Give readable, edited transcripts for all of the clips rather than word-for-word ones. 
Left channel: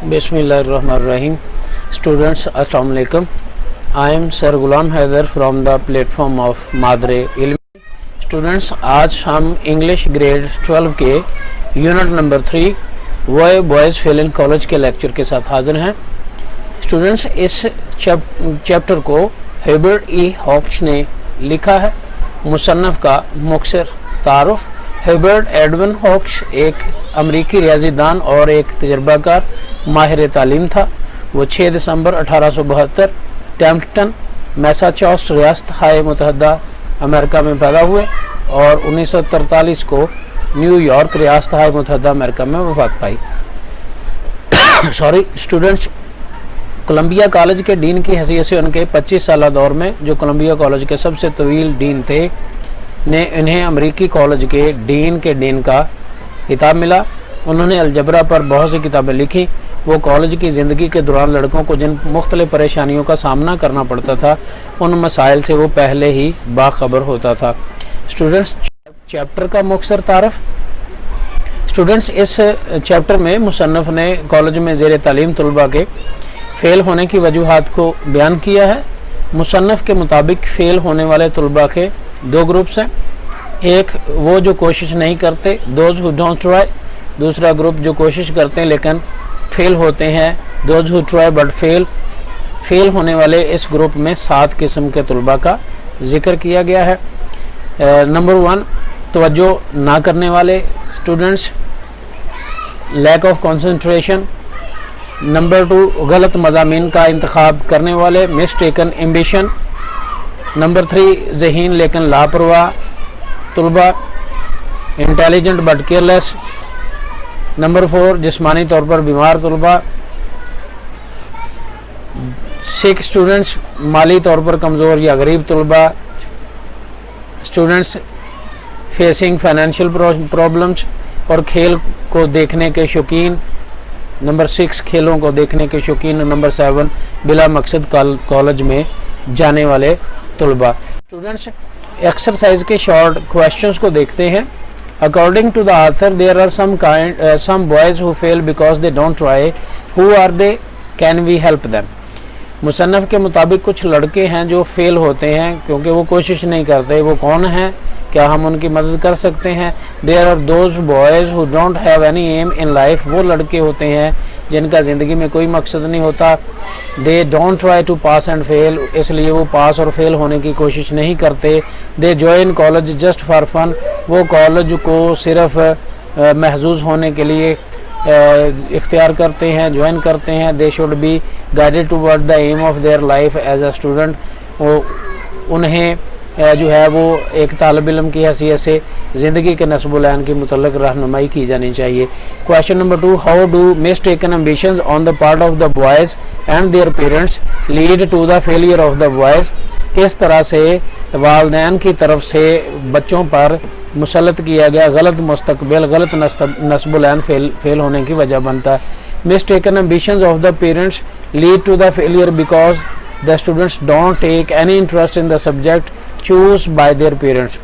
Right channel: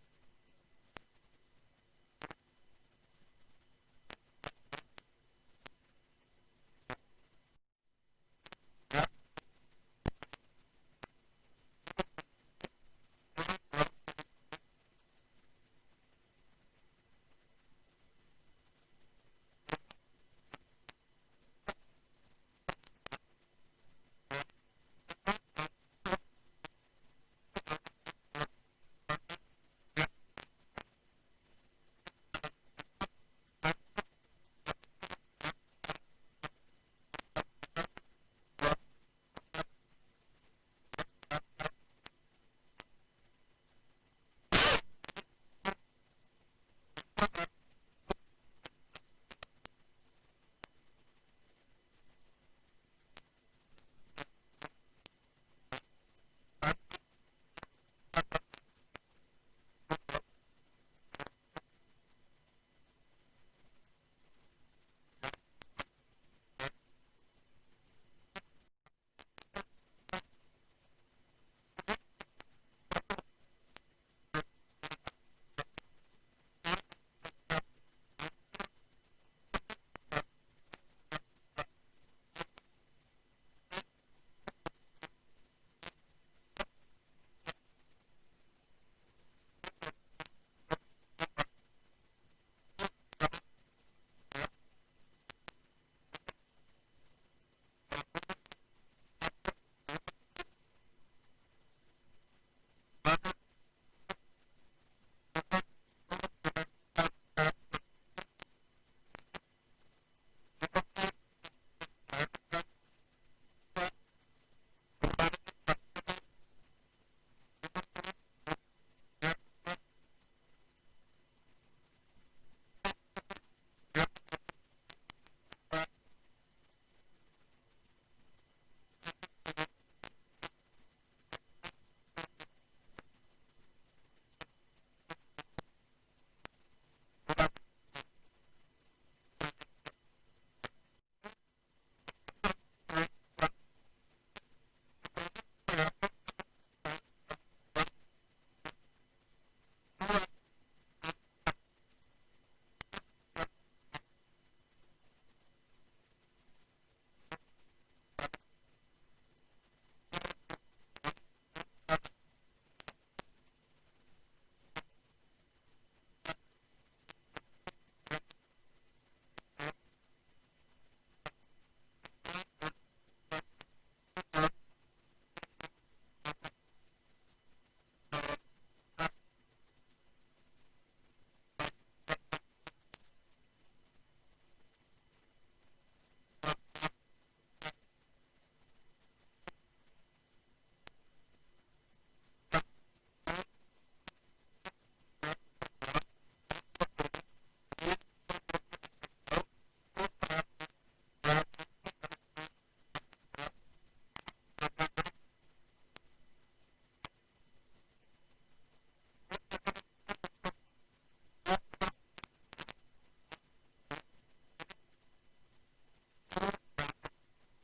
Bismillahirrahmanirrahim. Students, Assalamu alaikum. I am Sir Ghulam Haider from the platform of Madre Ilmi. Students, आज हम English grade 12 के unit number 3 वो boys fail in college के lecture के साथ हाजिर हैं. स्टूडेंट्स, इस चैप्टर को हेबर्ट ई हॉक्स ने लिखा है. मुसन्नफ़ का मुख्तसर तारुफ. हेबर्ट एडविन हॉक्स एक अमरीकी रियाजीदान और एक तजर्बाकार माहिर तालीम था. वो 6 दिसंबर 1872 टैम्पटन मैसाचुसेट्स रियासत हाय मुतहदा अमेरिका में पैदा हुए और 1943 को न्यूयॉर्क रियासत हाय मुतहदा अमेरिका में वफात पाई. स्टूडेंट्स, कोलंबिया कॉलेज के डीन की हैसियत से उनके 25 साल दौर में जो कोलंबिया कॉलेज के सबसे तवील डीन थे ने इन्हें अमरीकी कॉलेज के डीन का खिताब मिला. उन्होंने अलजबरा पर बहुत सी किताबें लिखी. वो कॉलेज की ज़िंदगी के दौरान लड़कों को जिन मुख्तलिफ परेशानियों का सामना करना पड़ता था उन मसाइल से वो पहले ही बाखबर होता था. स्टूडेंट्स, चैप्टर का मुख्तसर तारफ़. स्टूडेंट्स, इस चैप्टर में मुसन्नफ़ ने कॉलेज में ज़ेर तालीम तलबा के फ़ेल होने की वजूहात को बयान किया है. मुसन्नफ़ के मुताबिक फ़ेल होने वाले तलबा के दो ग्रुप्स हैं. एक वो जो कोशिश नहीं करते, दोज हु डोंट ट्राई. दूसरा ग्रुप जो कोशिश करते हैं लेकिन फेल होते हैं, those who try but fail. Fail होने वाले इस ग्रुप में 7 किस्म के तलबा का जिक्र किया गया है. नंबर 1, तवज्जो ना करने वाले students, lack of concentration. Number 2, गलत मज़ामीन का इंतखाब करने वाले, मिसटेकन एम्बिशन. नंबर 3, ज़हीन लेकिन लापरवाह तलबा, इंटेलिजेंट बट केयरलेस. नंबर 4, जिस्मानी तौर पर बीमार तलबा. 6 स्टूडेंट्स, माली तौर पर कमज़ोर या गरीब तलबा. स्टूडेंट्स फेसिंग फाइनेंशियल प्रॉब्लम्स और खेल को देखने के शौकीन. नंबर 6, खेलों को देखने के शौकीन. नंबर 7, बिला मकसद कॉलेज में जाने वाले तलबा. स्टूडेंट्स, एक्सरसाइज के शॉर्ट क्वेश्चंस को देखते हैं. According to the author, there are some boys who fail because they don't try. Who are they? Can we help them? मुसन्नफ़ के मुताबिक कुछ लड़के हैं जो फेल होते हैं क्योंकि वो कोशिश नहीं करते. वो कौन हैं? क्या हम उनकी मदद कर सकते हैं? There are those boys who don't have any aim in life. वो लड़के होते हैं जिनका ज़िंदगी में कोई मकसद नहीं होता. They don't try to pass and fail. इसलिए वो पास और फेल होने की कोशिश नहीं करते. They join college just for fun. वो कॉलेज को सिर्फ महजूज होने के लिए इख्तियार करते हैं, ज्वाइन करते हैं. They should be guided toward the aim of their life as a student. वो उन्हें जो है वो एक तालिब इल्म की हैसियत से ज़िंदगी के नस्ब-ओ-लैन की मुतल्लिक़ रहनुमाई की जानी चाहिए. Question number 2, how do mistaken ambitions on the part of the boys and their parents lead to the failure of the boys. किस तरह से वालिदैन की तरफ से बच्चों पर मुसल्लत किया गया गलत मुस्तकबिल, गलत नस्ब-ओ-लैन फेल होने की वजह बनता है. Mistaken ambitions of the parents lead to the failure because the students don't take any interest in the subject choose by their parents.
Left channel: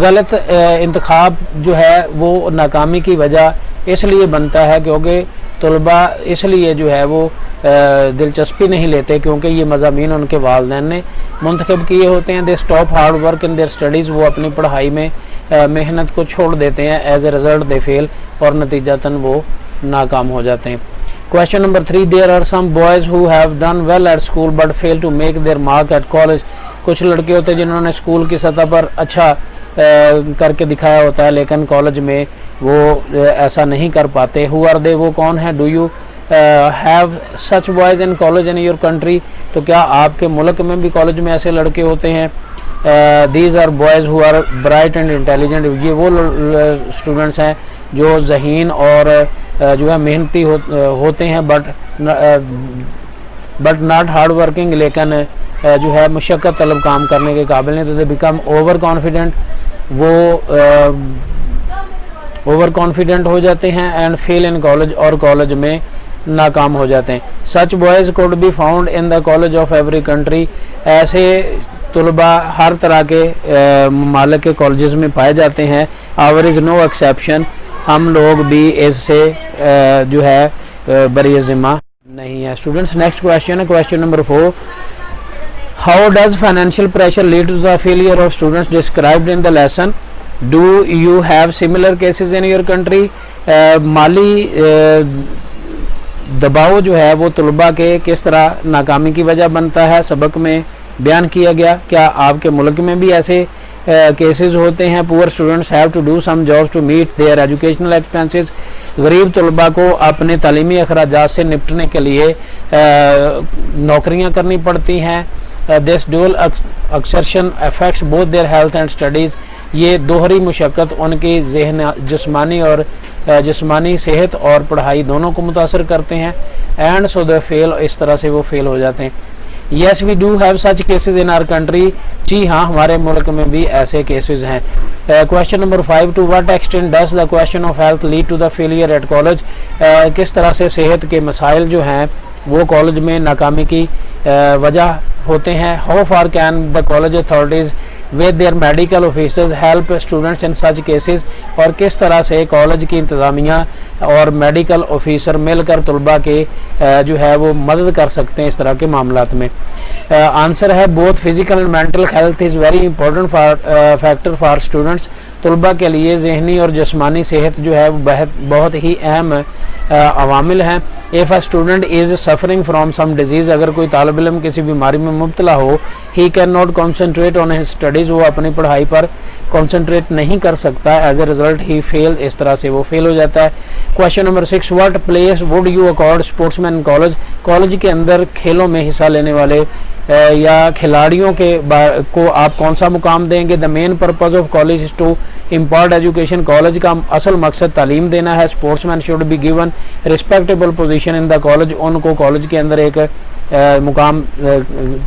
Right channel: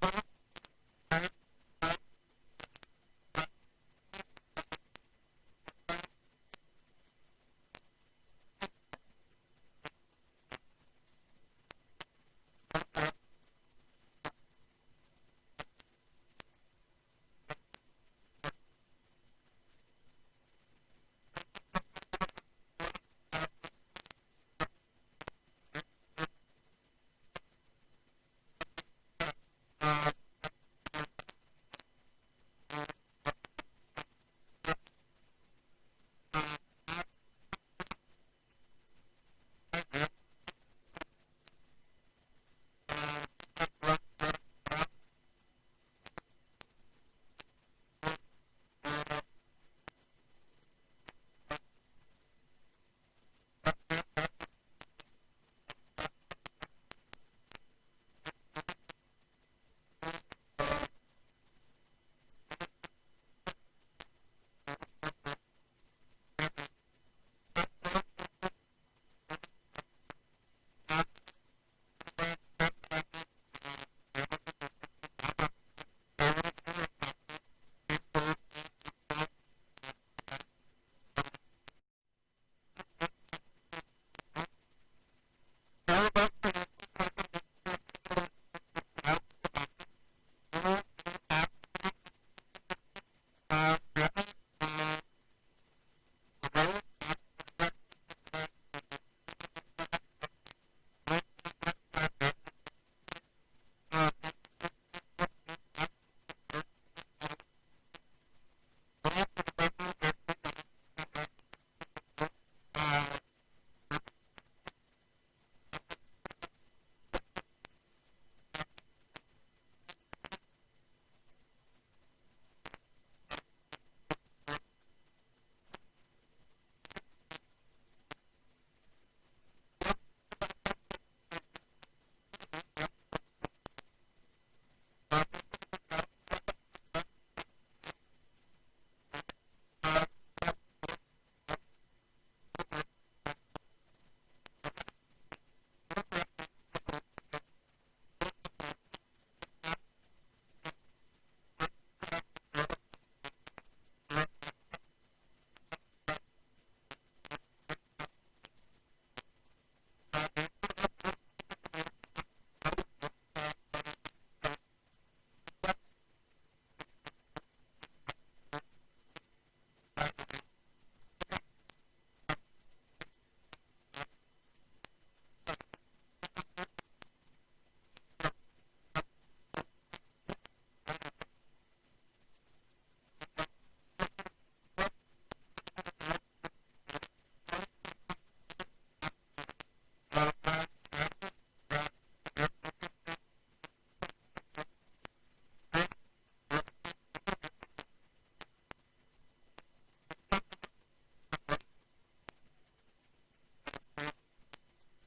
गलत इंतखाब जो है वो नाकामी की वजह इसलिए बनता है क्योंकि तलबा इसलिए जो है वो दिलचस्पी नहीं लेते क्योंकि ये मज़ामीन उनके वालिदैन ने मुंतखब किए होते हैं. They stop hard work in their studies. वो अपनी पढ़ाई में मेहनत को छोड़ देते हैं. As a result they fail और नतीजतन वो नाकाम हो जाते हैं. Question number 3, there are some boys who have done well at school but fail to make their mark at college. कुछ लड़के होते हैं जिन्होंने स्कूल की सतह पर अच्छा करके दिखाया होता है लेकिन कॉलेज में वो ऐसा नहीं कर पाते. Who are they? वो कौन है? Do you have such boys in college in your country. तो क्या आपके मुल्क में भी कॉलेज में ऐसे लड़के होते हैं? These are boys who are bright and intelligent. ये वो स्टूडेंट्स हैं जो ज़हीन और जो है मेहनती होते हैं बट नॉट हार्ड वर्किंग. लेकिन जो है मुशक्क़त तलब काम करने के काबिल नहीं. तो दे बिकम ओवर कॉन्फिडेंट. वो ओवर कॉन्फिडेंट हो जाते हैं एंड फेल इन कॉलेज और कॉलेज में नाकाम हो जाते हैं. Such boys could be found in the college of every country. ऐसे तलबा हर तरह के ममालिक के कॉलेजेस में पाए जाते हैं. Our is no exception. हम लोग भी इससे जो है बरी ज़िम्मा नहीं है। स्टूडेंट्स नेक्स्ट क्वेश्चन है question number 4, how does financial pressure lead to the failure of students described in the lesson, do you have similar cases in your country. माली दबाव जो है वो तलबा के किस तरह नाकामी की वजह बनता है सबक में बयान किया गया, क्या आपके मुल्क में भी ऐसे केसेस होते हैं। Poor students have to do some jobs to meet their educational expenses, गरीब तलबा को अपने तालीमी अखराजात से निपटने के लिए नौकरियां करनी पड़ती हैं। This dual exertion affects both their health and studies, ये दोहरी मुशक्क़त उनकी ज़हन जिस्मानी और जिस्मानी सेहत और पढ़ाई दोनों को मुतासर करते हैं। एंड सो द फेल, इस तरह से वो फेल हो जाते हैं। Yes we do have such cases in our country, जी हाँ हमारे मुल्क में भी ऐसे केसेस हैं। Question number 5, to what extent does the question of health lead to the failure at college, किस तरह से सेहत के मसाइल जो हैं वो कॉलेज में नाकामी की वजह होते हैं। How far can the college authorities with their medical officers help students in such cases, और किस तरह से कॉलेज की इंतज़ामिया और मेडिकल ऑफिसर मिलकर तलबा के जो है वो मदद कर सकते हैं इस तरह के मामलात में। आंसर है both physical and mental health is very important factor for students, तलबा के लिए जहनी और जिस्मानी सेहत जो है वो बहुत ही अहम अवामिल हैं। If a student is suffering from some disease, अगर कोई तालिब इल्म किसी बीमारी में मुब्तला हो, he can not concentrate on his studies, वो अपनी पढ़ाई पर कॉन्सनट्रेट नहीं कर सकता। As a result he fail, इस तरह से वो फेल हो जाता है। Question number 6, what place would you accord sportsman college, college के अंदर खेलों में हिस्सा लेने वाले या खिलाड़ियों को आप कौन सा मुकाम देंगे। The main purpose of college is to impart education, college का असल मकसद तालीम देना है। Sportsman should be given respectable position in the college, उनको कॉलेज के अंदर एक मुकाम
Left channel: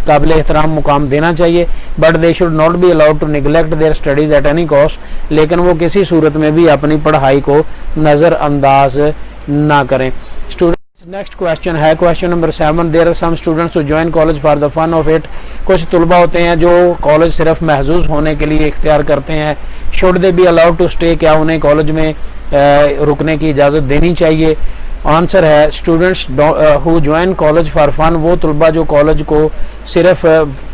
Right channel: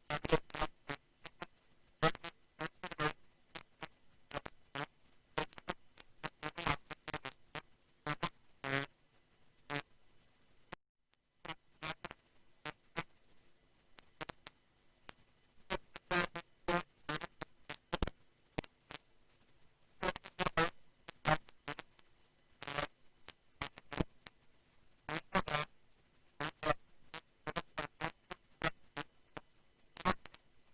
काबिल एहतराम मुकाम देना चाहिए। But they should not be allowed to neglect their studies at any cost, लेकिन वो किसी सूरत में भी अपनी पढ़ाई को नज़रअंदाज ना करें। नेक्स्ट क्वेश्चन है question number 7, there are some students who join college for the fun of it, कुछ तलबा होते हैं जो कॉलेज सिर्फ महजूज होने के लिए इख्तियार करते हैं। Should they be allowed to stay, क्या उन्हें कॉलेज में रुकने की इजाज़त देनी चाहिए। आंसर है students who join college for fun, वो तलबा जो कॉलेज को सिर्फ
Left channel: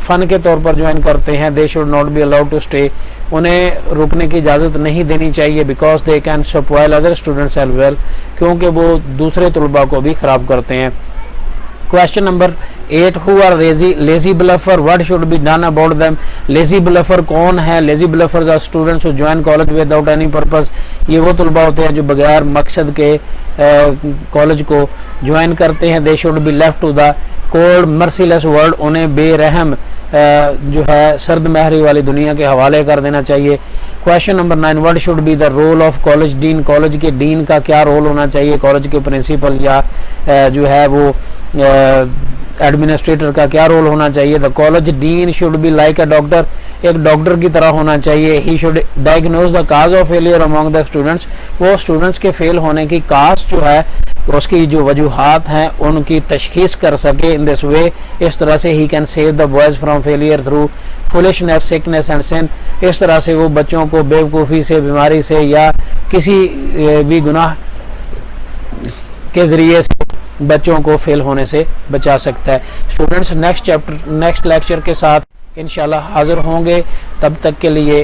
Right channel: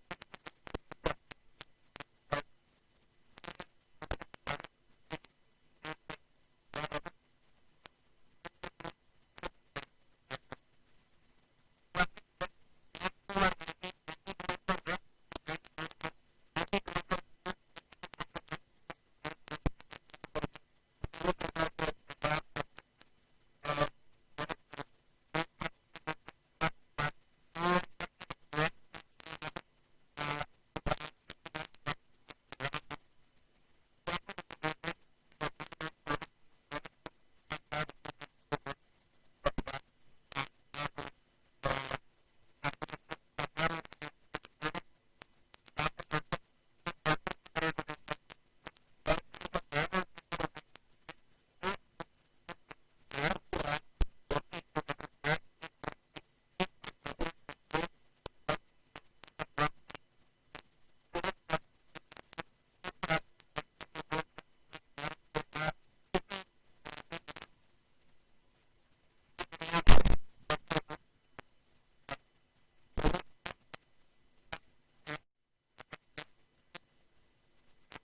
फ़न के तौर पर ज्वाइन करते हैं, they should not be allowed to stay, उन्हें रुकने की इजाज़त नहीं देनी चाहिए। Because they can spoil other students as well, क्योंकि वो दूसरे तलबा को भी ख़राब करते हैं। Question number 8, who are lazy bluffer, what should be done about them. Lazy bluffer कौन है। Lazy bluffers are students who join college without any purpose, ये वो तलबा होते हैं जो बगैर मकसद के कॉलेज को ज्वाइन करते हैं। They should be left to the cold merciless world, उन्हें बेरहम जो है सर्द महरी वाली दुनिया के हवाले कर देना चाहिए। Question number 9, what should be the role of college dean, college के डीन का क्या रोल होना चाहिए। कॉलेज के प्रिंसिपल या जो है वो एडमिनिस्ट्रेटर का क्या रोल होना चाहिए। The college dean should be like a doctor, एक डॉक्टर की तरह होना चाहिए। He should diagnose the cause of failure among the students, वो स्टूडेंट्स के फेल होने की काज जो है उसकी जो वजूहात हैं उनकी तशखीस कर सके। इन दिस वे, इस तरह से ही can save the boys from failure through foolishness sickness and sin, इस तरह से वो बच्चों को बेवकूफ़ी से, बीमारी से या किसी भी गुनाह के ज़रिए से बच्चों को फेल होने से बचा सकता है। स्टूडेंट्स नेक्स्ट लेक्चर के साथ इंशाल्लाह हाज़िर होंगे, तब तक के लिए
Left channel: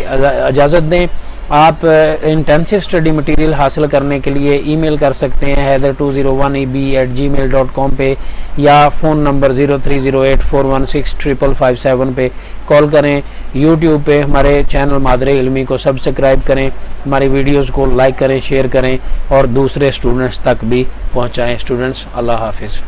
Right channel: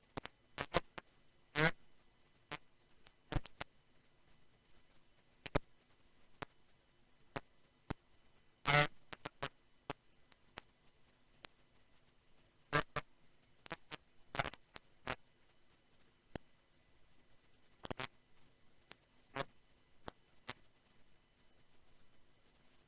इजाज़त दें। आप इंटेंसिव स्टडी मटेरियल हासिल करने के लिए ईमेल कर सकते हैं haider201eb@gmail.com पे, या फ़ोन नंबर 0308416557 पे कॉल करें। यूट्यूब पे हमारे चैनल मादरे इल्मी को सब्सक्राइब करें, हमारी वीडियोस को लाइक करें, शेयर करें और दूसरे स्टूडेंट्स तक भी पहुंचाएं। स्टूडेंट्स, अल्लाह हाफिज़।